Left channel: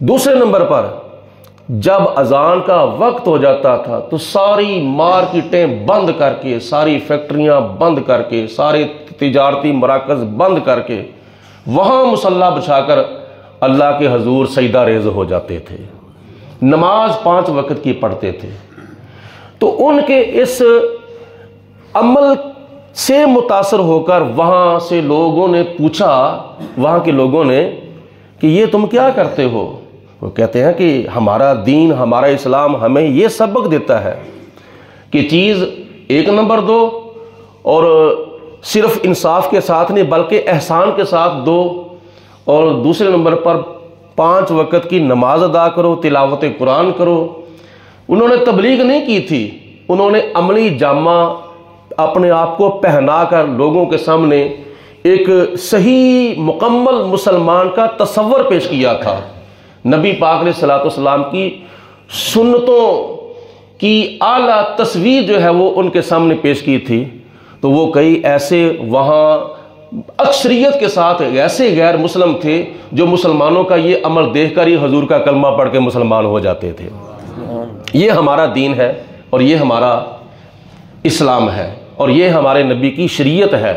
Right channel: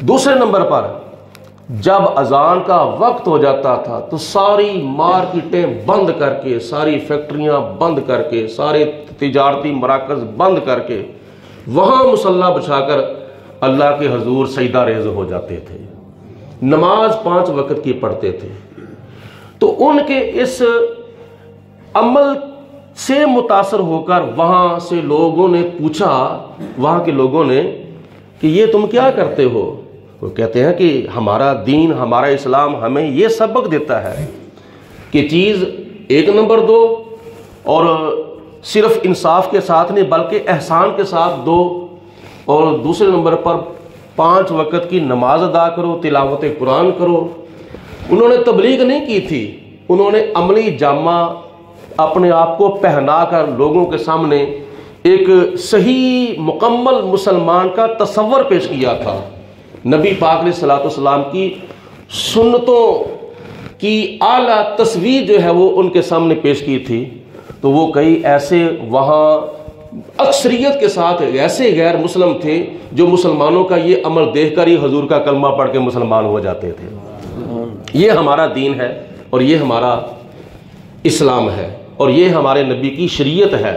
دوسرے نمبر پر جب اذان کا وقت ہو جاتا تھا تو ساری مارکیٹیں بند کر کے، ساری فیکٹریاں بند کر کے، سارے تجارتی مراکز بند کر کے وہاں مصلی بچھا کر اللہ کے حضور سجدہ ریز ہو جاتے تھے، نماز 5 وقت کی پڑھتے تھے۔ تو ان کے اس عمل سے متاثر ہو کر وہاں سے لوگوں نے پوچھا، وہاں کے لوگوں نے، کہ یہ تم کیا کرتے ہو؟ وہ کہتے ہیں کہ ہمارا دین، ہمارا اسلام ہمیں یہ سبق دیتا ہے کہ چیز 1 نمبر دو، اور صرف انصاف کے ساتھ نہیں بلکہ احسان کے ساتھ دو، اور دوسرے نمبر پر 5 وقت کی نماز ادا کرو، تلاوت قرآن کرو۔ انہوں نے تبلیغ نہیں کی تھی، انہوں نے عملی جامہ اپنے آپ کو پہنا کر لوگوں کے سامنے ایک صحیح مکمل مسلمان کا تصور پیش کیا تھا۔ نبی پاک علیہ الصلوۃ والسلام کی سنتوں کی اعلیٰ تصویر جو ہے وہ ان کے سامنے پیش کی تھی۔ تو وہ کئی ایسے وہاں اکثریت کے ساتھ ایسے غیر مسلم تھے جو مسلمانوں کا یہ عمل دیکھ کر ہی حضور کا کلمہ پڑھ کے مسلمان ہو جاتے تھے۔ یہ ہمارا دین ہے اور یہ ہمارا اسلام ہے اور یہ ہمارے نبی کی شریعت ہے۔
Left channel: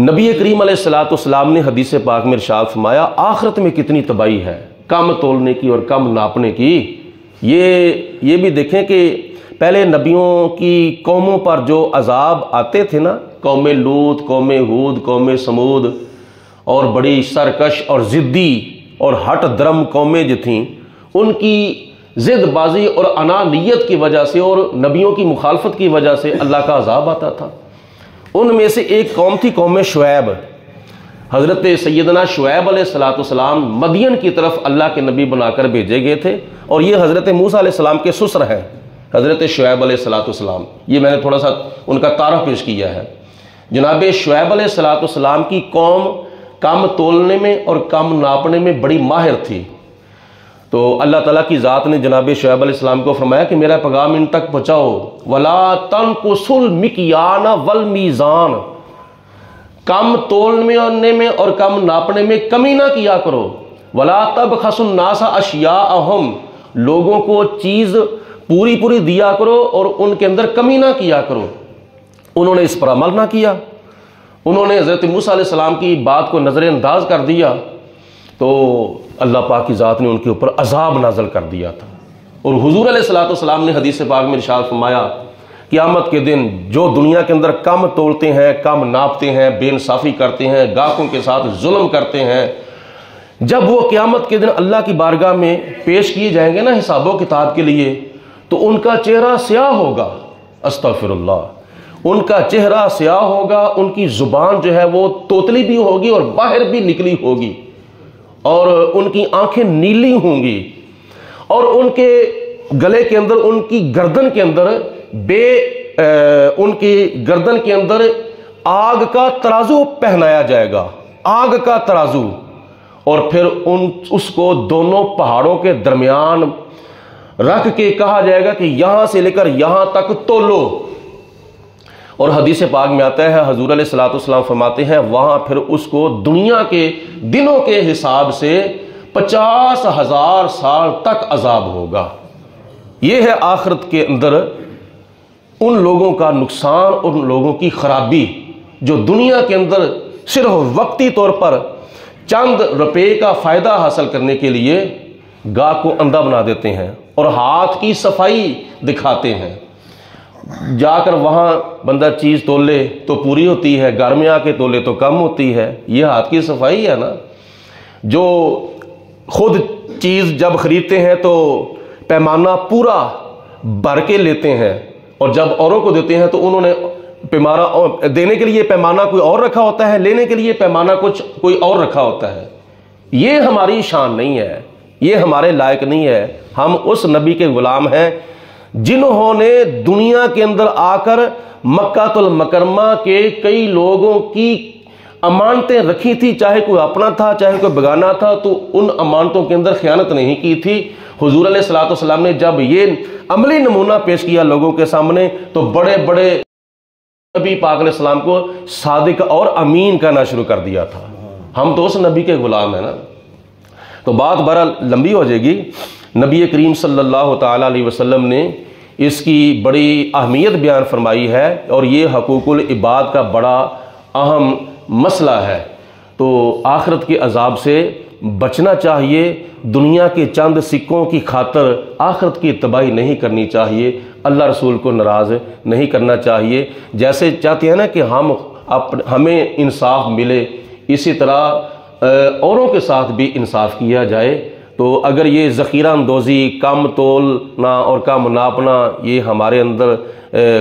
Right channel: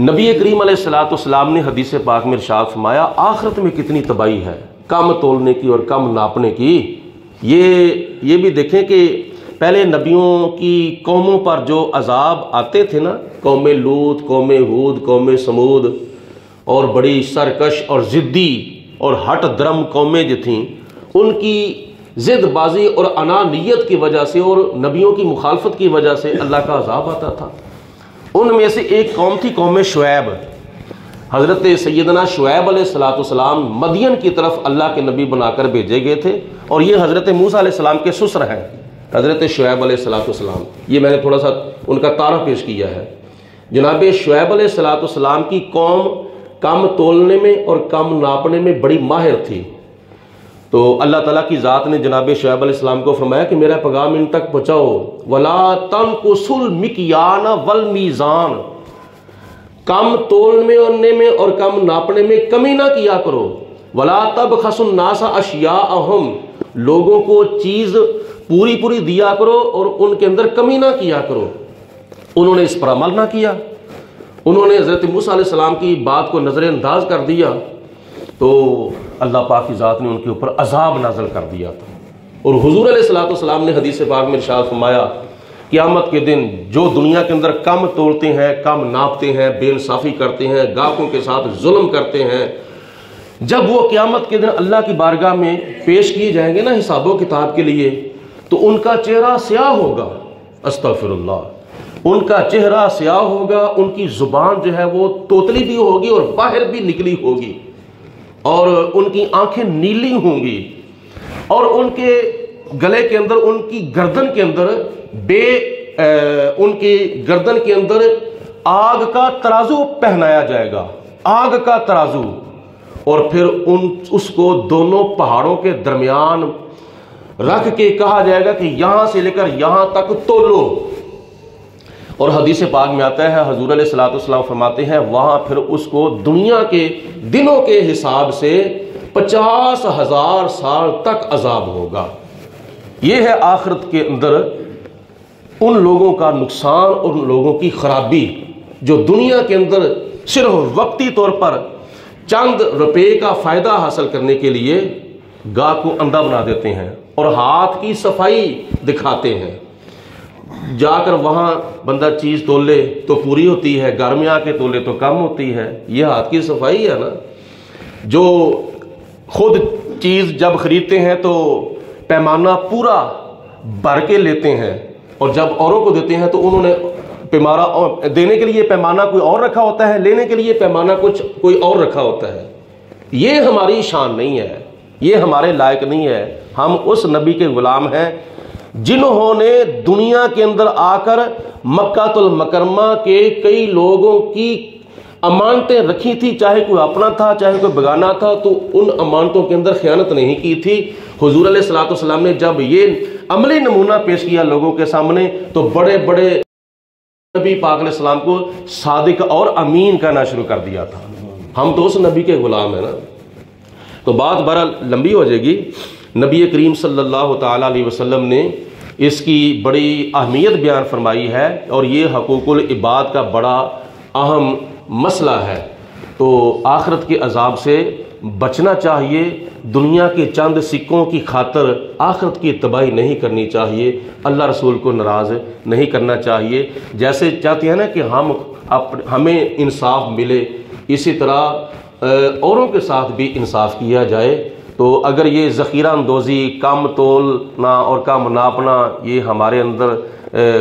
نبی کریم علیہ الصلوۃ والسلام نے حدیث پاک میں ارشاد فرمایا، آخرت میں کتنی تباہی ہے کم تولنے کی اور کم ناپنے کی۔ یہ بھی دیکھیں کہ پہلے نبیوں کی قوموں پر جو عذاب آتے تھے نا، قوم لوط، قوم ہود، قوم سمود، اور بڑی سرکش اور ضدی اور ہٹ درم قومیں جو تھیں، ان کی ضد بازی اور انانیت کی وجہ سے اور نبیوں کی مخالفت کی وجہ سے اللہ کا عذاب آتا تھا۔ ان میں سے ایک قوم تھی قوم شعیب۔ حضرت سیدنا شعیب علیہ الصلوۃ والسلام مدین کی طرف اللہ کے نبی بنا کر بھیجے گئے تھے، اور یہ حضرت موسیٰ علیہ السلام کے سسر ہیں، حضرت شعیب علیہ الصلوۃ والسلام۔ یہ میں نے تھوڑا سا ان کا تعارف پیش کیا ہے۔ جناب شعیب علیہ الصلوۃ والسلام کی قوم کم تولنے میں اور کم ناپنے میں بڑی ماہر تھی۔ تو اللہ تعالیٰ کی ذات نے جناب شعیب علیہ السلام کو فرمایا کہ میرا پیغام ان تک پہنچاؤ، وَلَا تَنْقُصُوا الْمِكْيَالَ وَالْمِيزَانَ، کم تولنے میں اور کم ناپنے میں کمی نہ کیا کرو، وَلَا تَبْخَسُوا النَّاسَ أَشْيَاءَهُمْ، لوگوں کو چیز پوری پوری دیا کرو اور ان کے اندر کمی نہ کیا کرو۔ انہوں نے اس پر عمل نہ کیا، انہوں نے حضرت موسیٰ علیہ السلام کی بات کو نظر انداز کر دیا، تو اللہ پاک کی ذات نے ان کے اوپر عذاب نازل کر دیا تھا۔ اور حضور علیہ الصلوۃ والسلام نے حدیث پاک میں ارشاد فرمایا، قیامت کے دن جو دنیا کے اندر کم تولتے ہیں، کم ناپتے ہیں، بے انصافی کرتے ہیں، گاہکوں کے ساتھ ظلم کرتے ہیں، جب وہ قیامت کے دن اللہ کی بارگاہ میں پیش کیے جائیں گے نا حساب و کتاب کے لیے، تو ان کا چہرہ سیاہ ہوگا، استغفر اللہ، ان کا چہرہ سیاہ ہوگا، ان کی زبان جو ہے وہ توتلی بھی ہوگی اور باہر بھی نکلی ہوگی، اور ان کی آنکھیں نیلی ہوں گی، اور ان کے گلے کے اندر، ان کی گردن کے اندر ان کی گردن کے اندر آگ کا ترازو پہنایا جائے گا، آگ کا ترازو، اور پھر اس کو دونوں پہاڑوں کے درمیان رکھ کے کہا جائے گا کہ یہاں سے لے کر یہاں تک تولو۔ اور حدیث پاک میں آتا ہے، حضور علیہ الصلوۃ والسلام فرماتے ہیں، وہاں پھر اس کو دنیا کے دنوں کے حساب سے 50,000 سال تک عذاب ہوگا۔ یہ ہے آخرت کے اندر ان لوگوں کا نقصان، ان لوگوں کی خرابی جو دنیا کے اندر صرف وقتی طور پر چند روپے کا فائدہ حاصل کرنے کے لیے گاہ کو اندھا بنا دیتے ہیں اور ہاتھ کی صفائی دکھاتے ہیں۔ جا کر وہاں بندہ چیز تولے تو پوری ہوتی ہے، گھر میں آ کے تولے تو کم ہوتی ہے۔ یہ ہاتھ کی صفائی ہے نا۔ جو خود چیز جب خریدتے ہیں تو پیمانہ پورا بھر کے لیتے ہیں، اور جب اوروں کو دیتے ہیں تو انہوں نے پیمانہ دینے کے لیے پیمانہ کوئی اور رکھا ہوتا ہے، لینے کے لیے پیمانہ کوئی اور رکھا ہوتا ہے۔ یہ ہماری شان نہیں ہے، یہ ہمارے لائق نہیں ہے۔ ہم اس نبی کے غلام ہیں جنہوں نے دنیا کے اندر آ کر مکہ المکرمہ کے کئی لوگوں کی امانتیں رکھی تھی، چاہے کوئی اپنا تھا چاہے کوئی بیگانہ تھا، تو ان امانتوں کے اندر خیانت نہیں کی تھی۔ حضور علیہ الصلوۃ والسلام نے جب یہ عملی نمونہ پیش کیا لوگوں کے سامنے، تو بڑے بڑے نبی پاک علیہ السلام کو صادق اور امین کہنا شروع کر دیا تھا۔ ہم تو اس نبی کے غلام ہیں نا۔ تو بات بہرحال لمبی ہو جائے گی۔ نبی کریم صلی اللہ تعالیٰ علیہ وسلم نے اس کی بڑی اہمیت بیان فرمائی ہے، اور یہ حقوق العباد کا بڑا اہم مسئلہ ہے۔ تو آخرت کے عذاب سے بچنا چاہیے، دنیا کے چند سکوں کی خاطر آخرت کی تباہی نہیں کرنی چاہیے، اللہ رسول کو ناراض نہیں کرنا چاہیے۔ جیسے چاہتے ہیں نا کہ ہمیں انصاف ملے، اسی طرح اوروں کے ساتھ بھی انصاف کیا جائے۔ تو اگر یہ ذخیرہ اندوزی، کم تولنا اور کم ناپنا یہ ہمارے اندر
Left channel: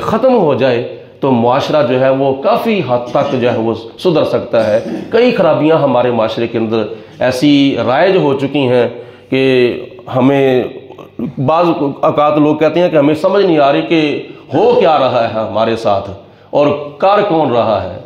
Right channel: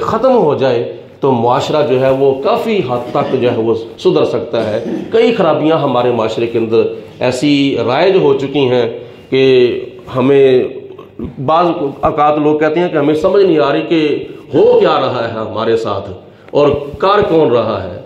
ختم ہو جائے تو معاشرہ جو ہے وہ کافی حد تک جو ہے وہ سدھر سکتا ہے۔ کئی خرابیاں ہمارے معاشرے کے اندر ایسی رائج ہو چکی ہیں کہ ہمیں بعض اوقات لوگ کہتے ہیں کہ ہمیں سمجھ نہیں آ رہی کہ ہو کیا رہا ہے ہمارے ساتھ اور کار کون رہا ہے۔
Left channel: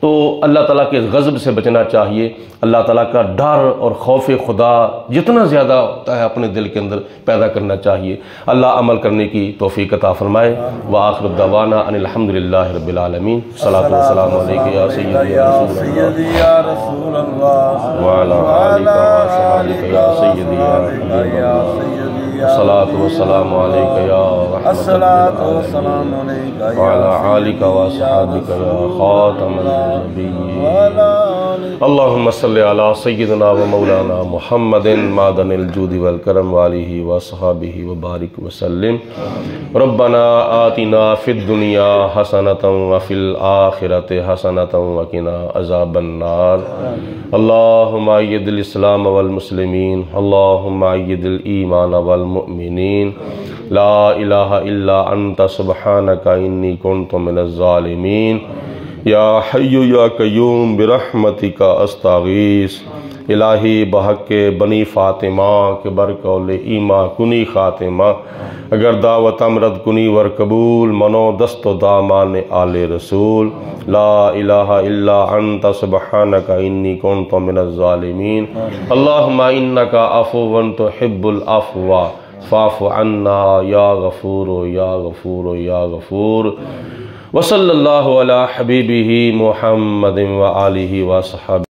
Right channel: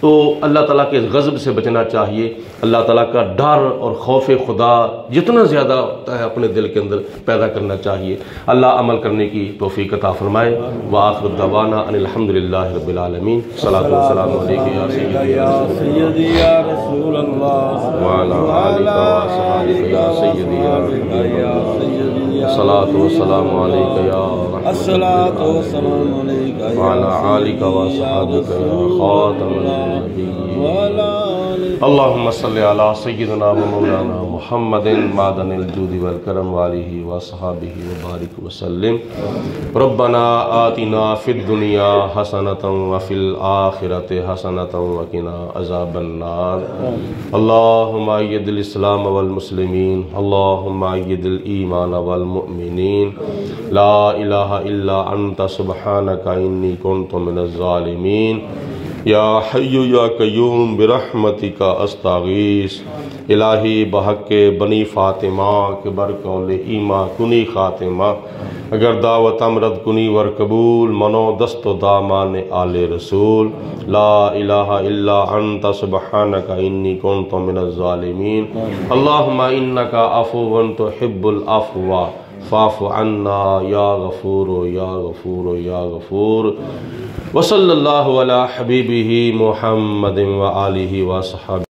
تو اللہ تعالیٰ کے غضب سے بچنا چاہیے، اللہ تعالیٰ کا ڈر اور خوف خدا جتنا زیادہ ہوتا ہے اپنے دل کے اندر پیدا کرنا چاہیے۔ اللہ عمل کرنے کی توفیق عطا فرمائے۔ وآخر دعوانا ان الحمدللہ رب العالمین۔ صلاۃ و سلام علیک یا سیدی یا رسول اللہ وعلی آلک وصحبک یا سیدی یا صلاۃ و سلام علیک یا الصلاۃ والسلام علیک وعلی آلک وصحبک یا خاتم اللہم صلی علی سیدنا و مولانا محمد معدن الجود والکرم وآلہ وصحبہ وبارک وسلم۔ ربنا آتنا فی الدنیا حسنۃ وفی الآخرۃ حسنۃ وقنا عذاب النار۔ اللہم اید الاسلام والمسلمین، اللہم اید الایمان والمؤمنین، لا الہ الا انت سبحانک انی کنت من الظالمین۔ یا حی یا قیوم برحمتک استغیث۔ الہی بحق بنی فاطمہ کے برقول ایما کنی خاتمہ، اگر دعوت امرد کنی ور قبول، منو دست و دامان آل رسول۔ لا الہ الا انت سبحانک انی کنت من الظالمین۔ اللہم انک عفو تحب العفو فاعف عنا یا غفور یا غفور یا غفور۔ وصلی اللہ علی حبیبہ محمد وآلہ وصحبہ۔